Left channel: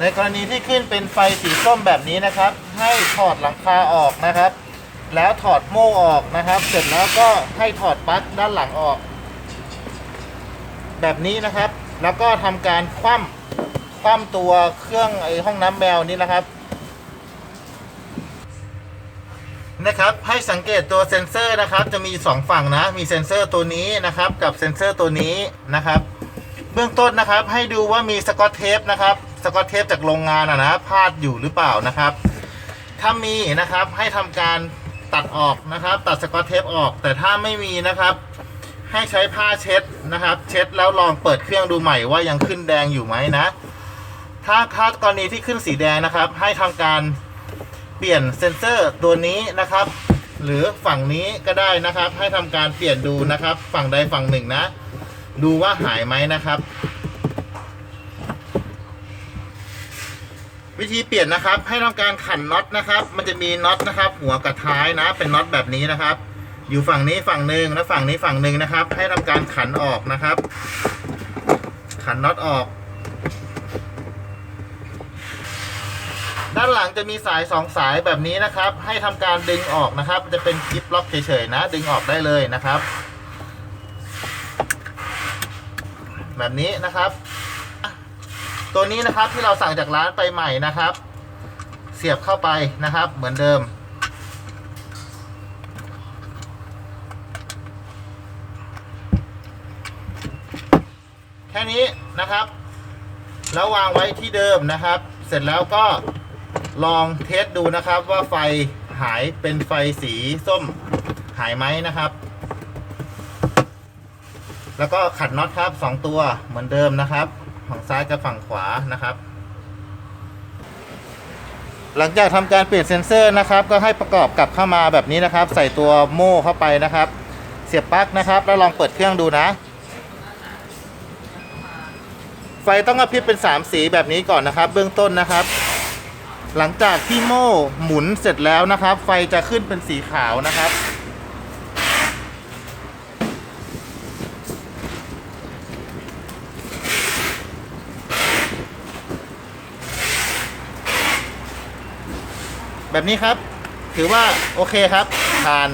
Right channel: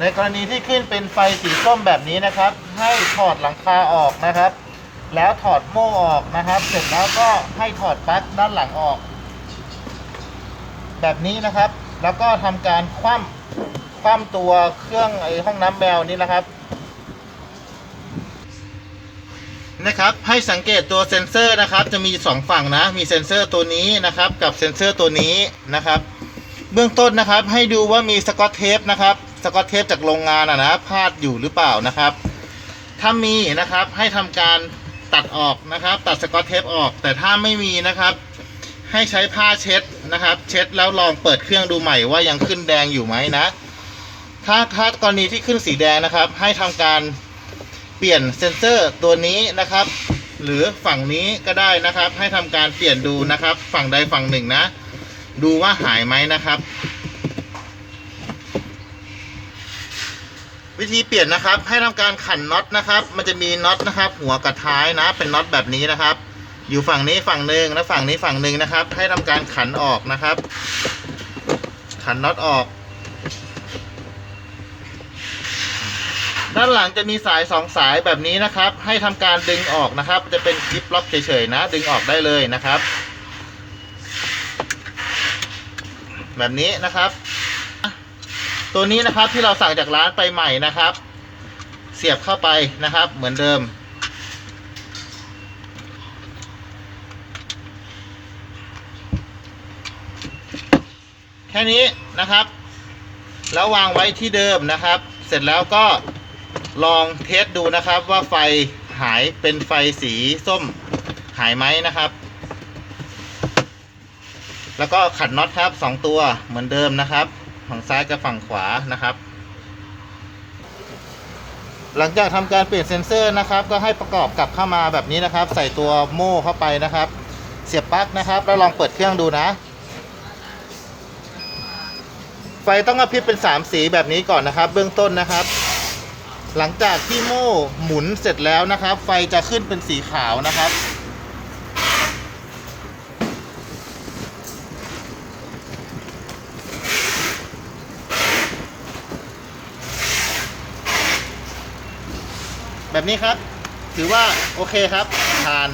ในกรณีที่ขึ้นเป็นไฟสีส้มแบบนี้นะครับ ให้ถอดหลังคาออกนะครับ แล้วถอดโม่ออกนะครับ เสร็จแล้วก็ให้ถอดปลั๊กด้านหลังออก แบบนี้นะครับ แล้วก็ทำการคว่ำคว่ำตัวเครื่องไอห้องน้ำแบลนี้นะครับนะครับให้สังเกตตัวเซ็นเซอร์นะครับ จะมีสองฝั่งนะ มีเซ็นเซอร์ตัวนี้นะครับ กับเซ็นเซอร์ตัวนี้นะครับ เบื้องต้นนะครับ ให้ดูว่ามีสกอตเทปนะครับ สกอตเทปจากโรงงานอะนะพาดอยู่หรือเปล่านะครับ ถ้ามีนะครับให้ทำการตัดออกนะครับ ตัดสกอตเทปออก แต่ถ้าไม่มีนะครับ ให้ใช้ผ้าเช็ดนะครับ เช็ดแล้วลองเปิดเครื่องดูใหม่ว่ายังขึ้นแดงอยู่ไหมนะ ถ้าถ้ากรณีที่ขึ้นสีแดงนะครับ ให้ทำการเปลี่ยนเซ็นเซอร์ตัวนี้นะครับ หรือฝั่งนี้ก็ได้นะครับ ให้ทำการเปลี่ยนดูนะครับ ฝั่งใดฝั่งหนึ่งนะ ดูว่าหายไหมนะครับ วิธีเปลี่ยนนะครับ ให้ทำการขันน็อตนะครับ มันจะมีน็อตนะครับ หัวกับท้ายนะ เป็นน็อตแบบนี้นะครับ อยู่ฝั่งนี้ฝั่งหนึ่งและฝั่งนี้ฝั่งหนึ่งนะครับ ให้ทำการขันออกนะครับ ขันน็อตออก ด้านหลังจะมีสายสองสายแบบนี้นะครับ ให้ทำการดึงออกนะครับ จะเป็นคลิปล็อกเฉยๆนะ ดึงออกได้เลยนะครับ แบบนี้นะครับ ตัวนี้นะครับที่เราสั่งจากร้านไปใหม่นะครับ เสียบเข้าไปนะครับเหมือนเดิม แค่นี้นะครับ แล้ววางไว้ที่เดิมนะครับ เสร็จแล้วก็ลองเทสดูนะครับว่าไฟหายเป็นไฟสีส้มหายไหมนะครับ แล้วก็ขัดน็อตครับสองตัวเหมือนเดิมนะครับ ฝั่งซ้ายกับฝั่งขวานะครับ หลังจากทำการเปลี่ยนเซ็นเซอร์นะครับ ก็ให้ประกอบกลับเข้ามาแบบนี้นะครับ ใส่ตัวโม่เข้าไปนะครับ เสียบปลั๊กนะครับ แล้วลองเปิดเครื่องดูนะ ไฟต้องกระพริบเป็น 3 สีแบบนี้ก่อนนะครับ เบื้องต้นนะครับ หลังจากที่โม่หมุนเสร็จแล้วนะครับ ไฟจะขึ้นเป็นสีขาวนะครับ แบบนี้ครับ ถือว่าโอเคครับผ่าน